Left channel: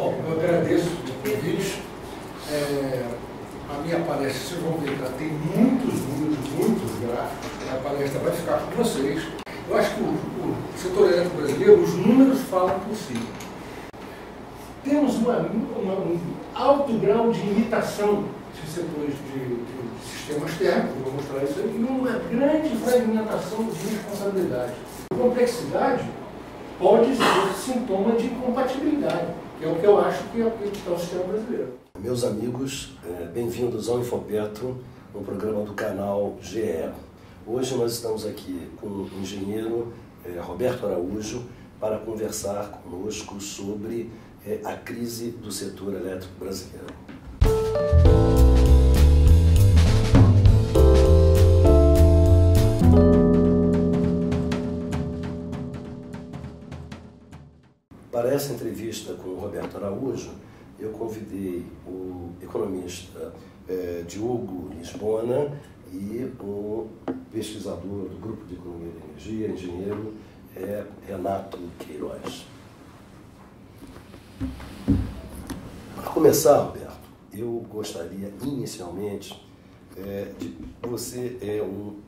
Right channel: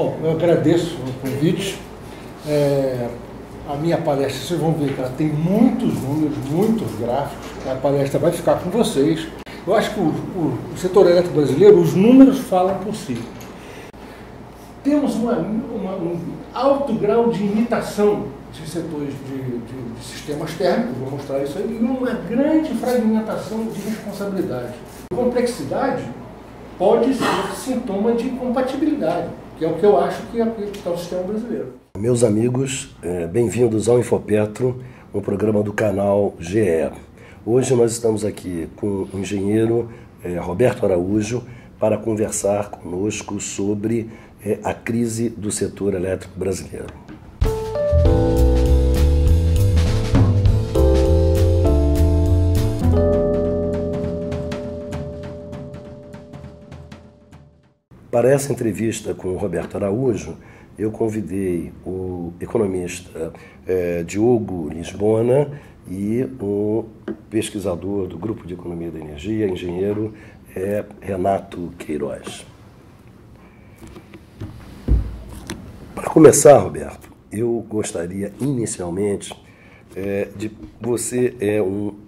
Bom, eu agradeço o convite. A minha palestra, vocês vão ver que ela tem muitos números, muitos gráficos. A palestra vai ficar com vocês. Eu acho que o setor elétrico brasileiro, os números falam por si. Temos um alto grau de imitação de setores de sistemas térmicos, vou mostrar isso aí, e uma grande fragmentação de responsabilidade. A complexidade pode ser sintoma de incompatibilidade, que é o que eu acho que é o sistema brasileiro. Meus amigos, bem-vindos ao Infopetro, um programa do canal GE. Hoje nós estamos aqui com o engenheiro Roberto Araújo para conversar conosco sobre a crise do setor elétrico brasileiro. Para essa entrevista com o Roberto Araújo, eu convidei o economista Diogo Lisbona e o pesquisador do Grupo de Economia da Energia, engenheiro Renato Queiroz. Para começar, Roberto, eu gostaria inicialmente de... Você é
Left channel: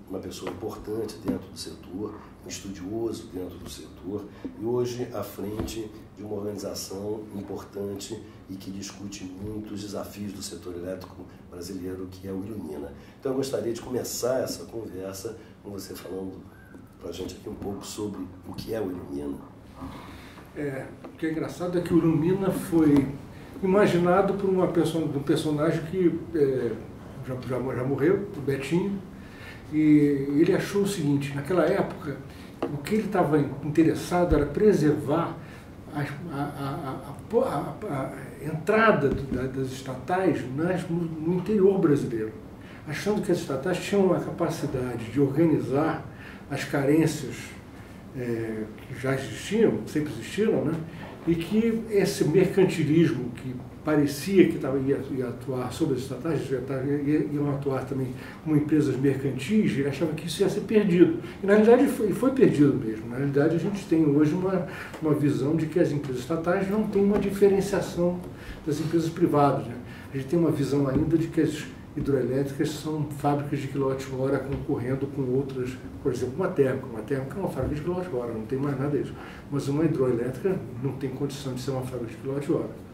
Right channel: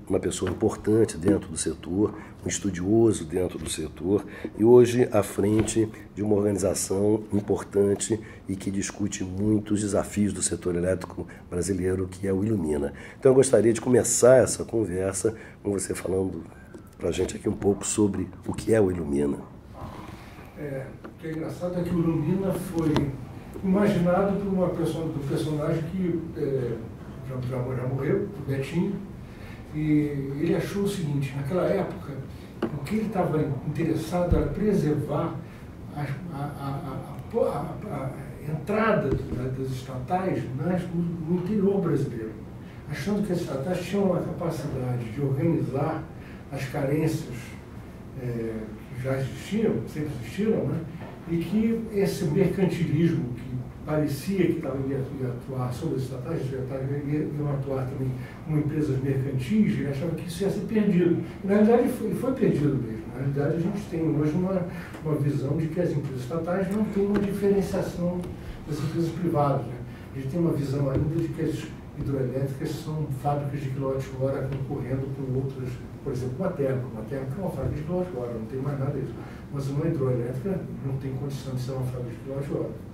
uma pessoa importante dentro do setor, um estudioso dentro do setor e hoje à frente de uma organização importante e que discute muito os desafios do setor elétrico brasileiro, que é o Ilumina. Então eu gostaria de começar essa conversa com você falando para a gente aqui um pouco sobre o que é o Ilumina. O que é engraçado é que o Ilumina foi imaginado por do personagem que já morreu, o Betinho, e ele achou o seguinte: naquela época, o que ele estava interessado era preservar a entrada das estatais no interior brasileiro, achando que as estatais tinham a capacidade de organizar as carências que já existiam, sempre existiram, né? E que esse mercantilismo que parecia que ia atuar sobre as estatais, iam atuar também como empresas mercantis, ele achava que isso ia ser perdido. E na realidade foi perdido mesmo. Na realidade a gente tem hoje uma visão de que as empresas estatais não têm uma diferenciação das empresas privadas, né? A gente tem uma visão ainda de que as hidroelétricas são fábricas de quilowatt-hora concorrendo com outras, por exemplo, uma térmica é uma fábrica de quilowatt-hora, não tem mais nada disso. Mas uma hidroelétrica não tem condição de ser uma fábrica de quilowatt-hora.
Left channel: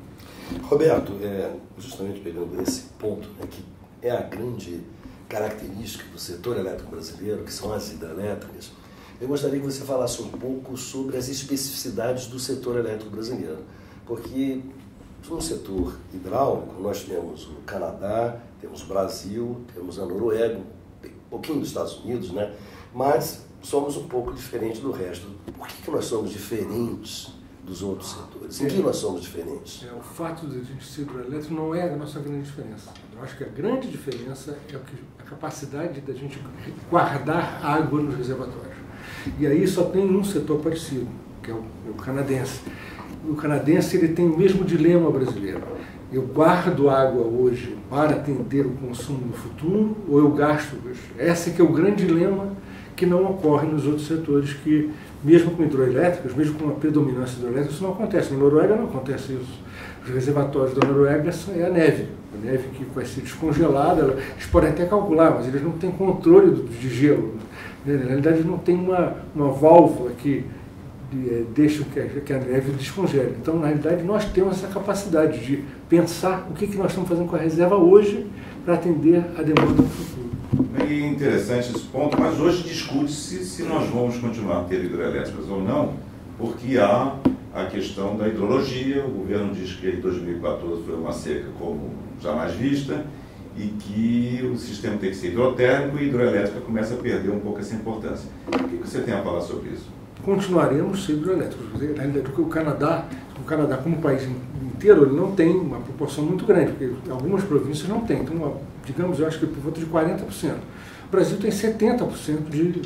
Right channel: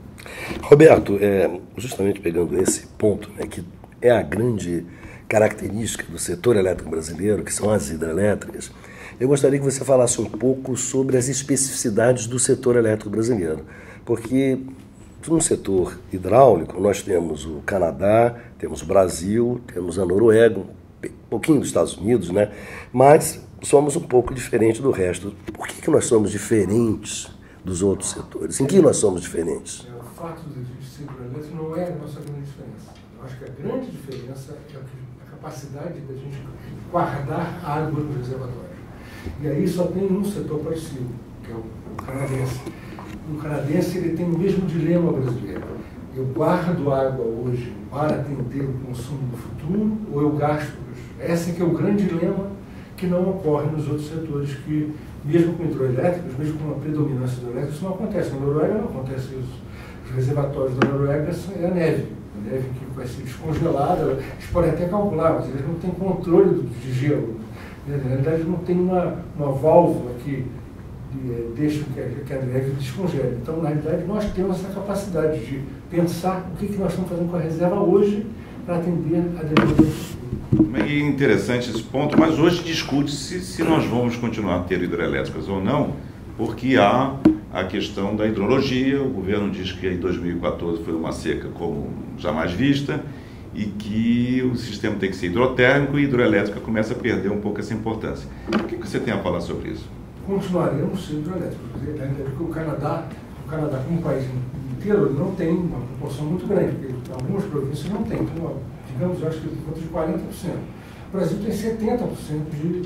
Roberto, justamente pegando esse ponto, que é a grande característica do setor elétrico brasileiro, que são as hidrelétricas, eu gostaria que você falasse um pouco sobre as especificidades do setor elétrico brasileiro, porque no setor hidráulico nós temos o Canadá, temos o Brasil, temos a Noruega, um pouquinho dos Estados Unidos, né? Mas somos um pouco diferentes do resto. Por que nós somos diferentes dos outros setores? Em que nós somos diferentes? O fato de a gente ser hidrelétrico não é a nossa grande diferença. Eu acho que a grande diferença é a capacidade da gente guardar água nos reservatórios. E aí só tem um setor parecido, que é o canadense. O canadense ele tem o mesmo dilema brasileiro. Eu guardo água hoje para atender o consumo no futuro ou eu gasto hoje? Esse que é o grande dilema que não ocorre nos outros setores, que mesmo com hidroelétricas, mesmo com a predominância hidroelétrica, isso não acontece. Na Noruega não acontece isso. Os reservatórios da Noruega é a neve que vai ser descongelada. Eles podem até calcular, mas eles não têm controle de gelo. Na realidade, não tem uma válvula que deixa que a neve descongele. Então, na realidade, nós temos essa capacidade de pensar o que nós estamos fazendo com a reserva hoje para atender a demanda do futuro. É interessante esse ponto, mas hoje discute-se se nós vamos continuar a ter hidrelétricas ou não, porque há a questão da hidrologia. O governo diz que em 2014 foi uma seca como jamais vista e que o sistema tem que ser hidrotérmico e a hidrelétrica começa a perder um pouco essa importância. O que você tem a falar sobre isso? Continuaremos sendo hidrelétricos, ainda porque o Canadá como país inteiro, ele não tem uma proporção muito grande, porque algumas províncias não têm. Então, digamos, eu acho que por volta de 40%. O Brasil tem 70% de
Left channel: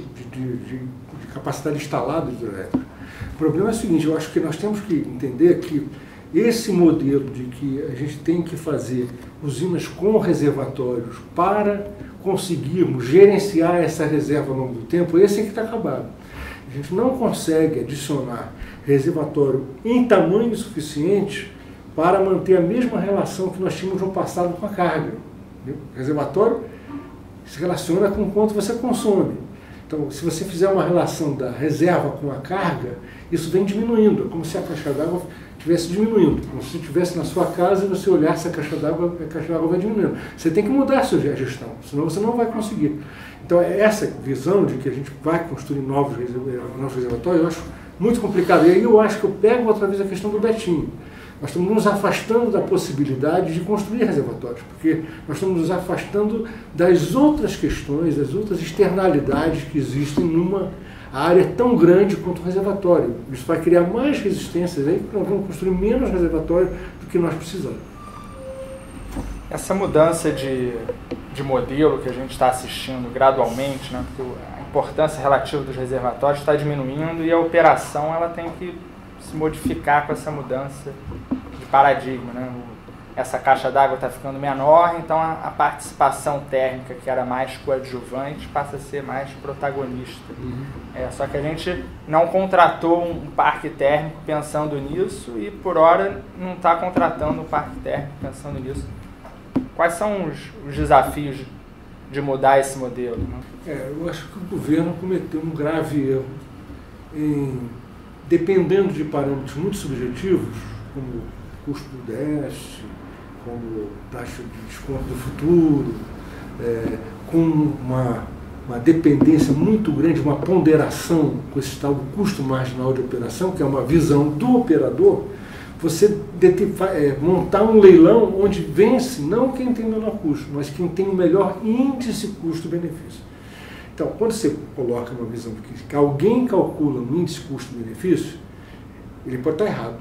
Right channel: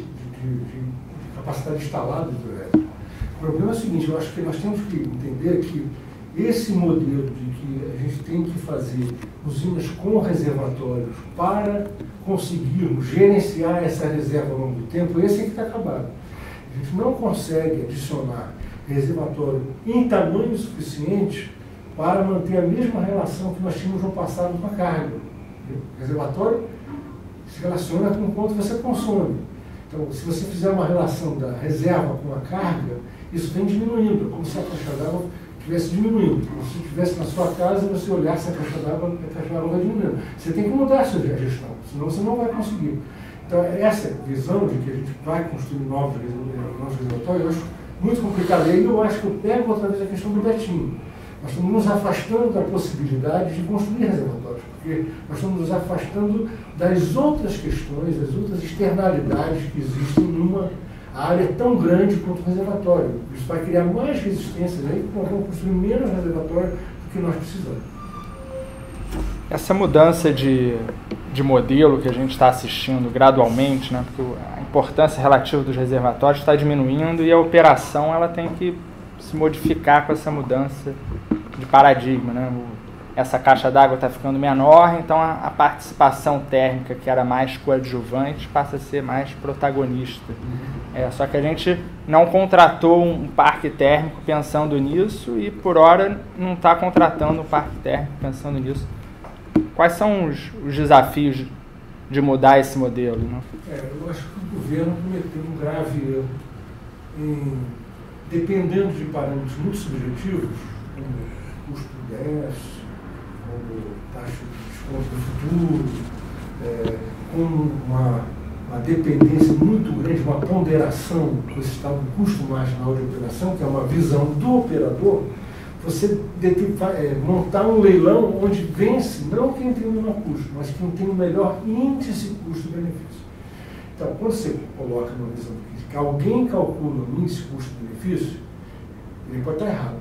capacidade instalada de hidrelétrica. O problema é o seguinte: eu acho que nós temos que entender que esse modelo de que a gente tem que fazer usinas com reservatórios para conseguirmos gerenciar essa reserva ao longo do tempo, esse é que está acabado. A gente não consegue adicionar reservatório em tamanho suficiente para manter a mesma relação que nós tínhamos no passado com a carga. O reservatório se relaciona com o quanto você consome. Então, se você fizer uma relação da reserva com a carga, isso vem diminuindo, como se a caixa d'água estivesse diminuindo. Como se estivesse na sua casa e você olhasse a caixa d'água vai diminuindo. Você tem que mudar a sua gestão, senão você não vai conseguir. Então, essa visão de que a gente vai construir novos reservatórios, eu acho muito complicado. E aí eu acho que eu pego outra vez a questão do Betinho. Nós estamos nos afastando da possibilidade de construir reservatórios, porque nós estamos nos afastando das outras questões, das outras externalidades que existem numa área tão grande quanto o reservatório. Isso vai criar mais resistências aí, porque nós vamos construir menos reservatórios do que nós precisamos. Essa mudança de modelo que a gente está assistindo gradualmente, né, porque a importância relativa dos reservatórios está diminuindo e a operação ela tem que se modificar com essa mudança de paradigma, né? Essa caixa d'água está ficando menor, então a participação térmica, que era mais coadjuvante, passa a ser mais protagonista. Só que a gente não contratou um parque térmico pensando nisso e, por hora, não está contratando um parque térmico pensando nisso. Quais são os desafios de mudar esse modelo? Né? Eu acho que o governo cometeu um grave erro em, dependendo de parâmetros muito subjetivos, como custo do déficit, como taxa de desconto do futuro, com uma dependência muito grande, uma ponderação com esse tal do custo marginal de operação, que é uma visão do operador, você montar um leilão onde vence não quem tem o menor custo, mas quem tem o melhor índice custo-benefício. Então, quando você coloca uma visão que alguém calcula um índice custo-benefício, ele pode estar errado,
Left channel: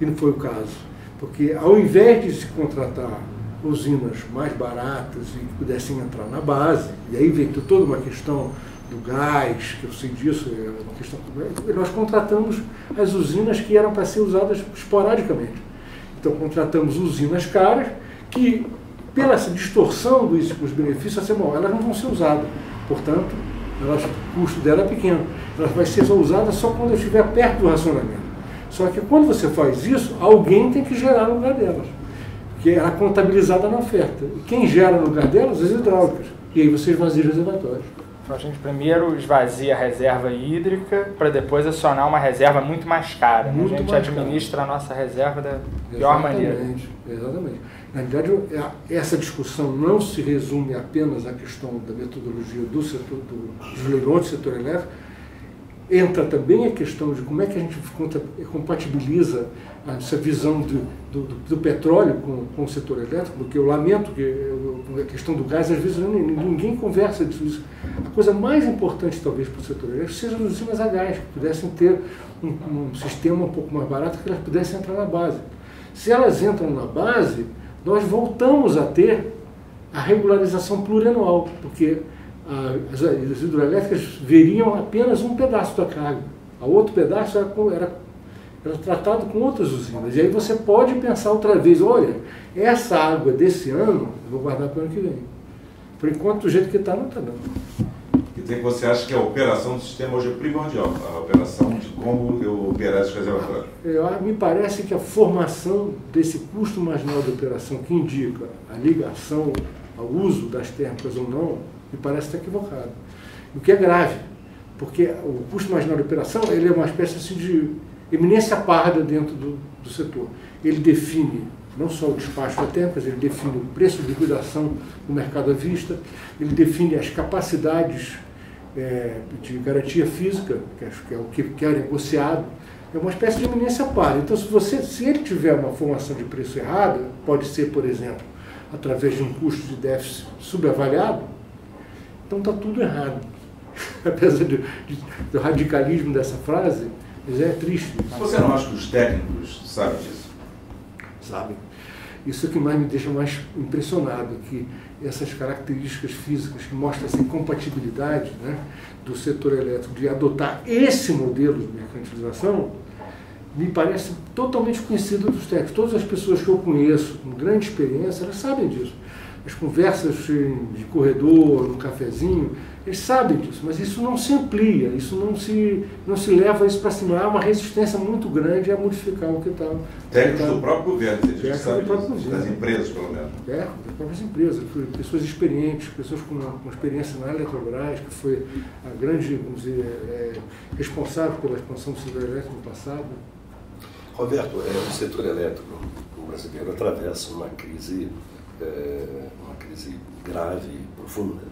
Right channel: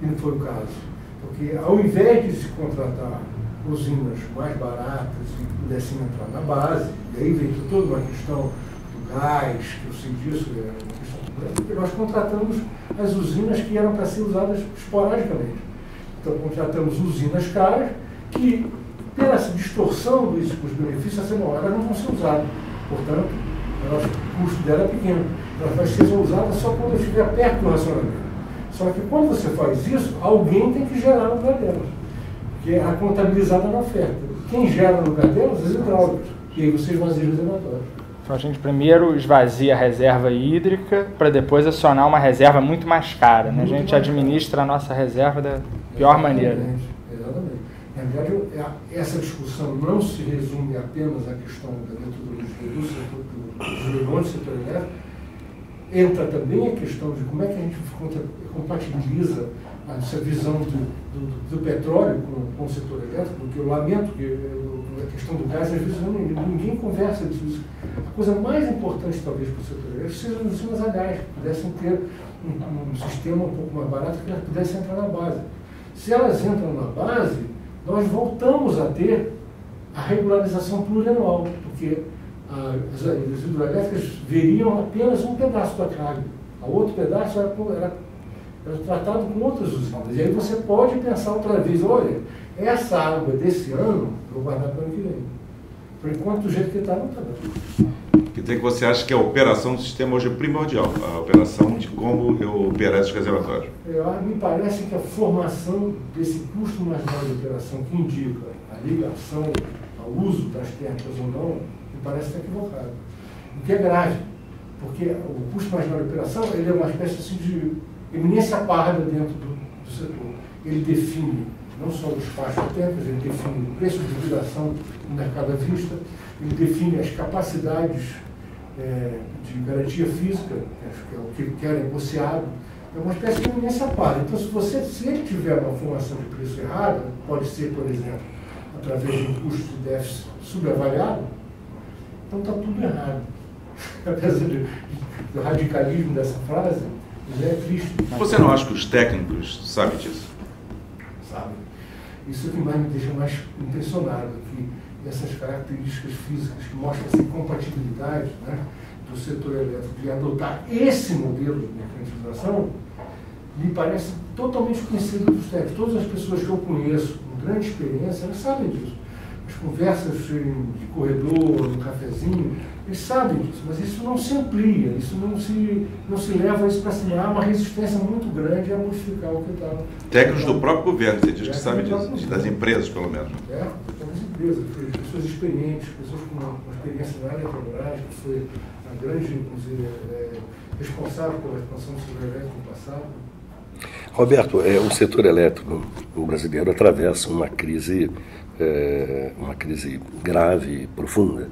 e não foi o caso. Porque ao invés de se contratar usinas mais baratas e que pudessem entrar na base, e aí veio toda uma questão do gás, que eu sei disso, uma questão, nós contratamos as usinas que eram para ser usadas esporadicamente. Então contratamos usinas caras que, pela essa distorção dos benefícios, elas não vão ser usadas. Portanto, o custo dela é pequeno. Ela vai ser usada só quando estiver perto do racionamento. Só que quando você faz isso, alguém tem que gerar no lugar delas, porque é contabilizada na oferta. Quem gera no lugar delas? As hidráulicas. E aí você esvazia os reservatórios. Então a gente primeiro esvazia a reserva hídrica para depois acionar uma reserva muito mais cara. Né? A gente administra a nossa reserva da pior maneira. Exatamente. Na verdade, essa discussão não se resume apenas à questão da metodologia do setor, dos leilões do setor elétrico. Entra também a questão de como é que a gente compatibiliza essa visão do petróleo com o setor elétrico, porque eu lamento que a questão do gás, às vezes, ninguém conversa disso. A coisa mais importante, talvez, para o setor elétrico seja as usinas a gás, que pudessem ter um sistema um pouco mais barato, que elas pudessem entrar na base. Se elas entram na base, nós voltamos a ter a regularização plurianual, porque as hidrelétricas veriam apenas um pedaço da carga. O outro pedaço era tratado com outras usinas. E aí você pode pensar outra vez, olha, essa água desse ano, vou guardar para o ano que vem. Por enquanto, do jeito que está, não está dando. Quer dizer que você acha que a operação do sistema hoje é primordial, a operação de como eu operar esses reservatórios? Me parece que a formação desse custo marginal de operação que indica a ligação ao uso das térmicas ou não, me parece estar equivocado. O que é grave, porque o custo marginal de operação ele é uma espécie assim, de eminência parda dentro do setor. Ele define não só o despacho da térmicas, ele define o preço de liquidação no mercado à vista, ele define as capacidades de garantia física, que é o que é negociado. É uma espécie de eminência parda. Então, se ele tiver uma formação de preço errada, pode ser, por exemplo, através de um custo de déficit subavaliado, então está tudo errado. Apesar do radicalismo dessa frase, mas é triste. Você não acha que os técnicos sabem disso? Sabem. Isso é o que mais me deixa mais impressionado, que essas características físicas que mostram essa incompatibilidade, né, do setor elétrico de adotar esse modelo de mercantilização, me parece totalmente conhecido dos técnicos. Todas as pessoas que eu conheço com grande experiência, elas sabem disso. As conversas de corredor, no cafezinho, eles sabem disso, mas isso não se amplia, isso não se leva isso para cima. Há uma resistência muito grande a modificar o que está. Técnicos do próprio governo, você diz sabe disso, das empresas, pelo menos. Das próprias empresas, pessoas experientes, pessoas com uma experiência na Eletrobras, que foi a grande, vamos dizer, responsável pela expansão do setor elétrico no passado. Roberto, o setor elétrico brasileiro atravessa uma crise grave e profunda.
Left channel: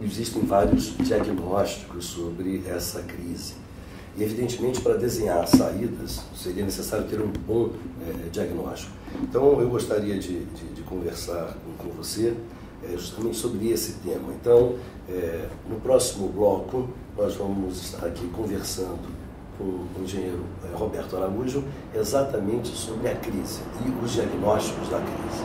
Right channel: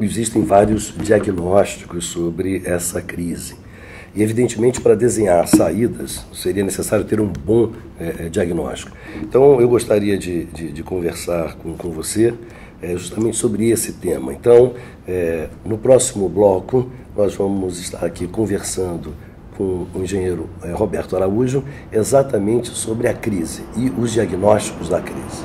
Existem vários diagnósticos sobre essa crise. E, evidentemente, para desenhar saídas, seria necessário ter um bom diagnóstico. Então, eu gostaria de conversar com você justamente sobre esse tema. Então, no próximo bloco, nós vamos estar aqui conversando com o engenheiro Roberto Araújo exatamente sobre a crise e os diagnósticos da crise.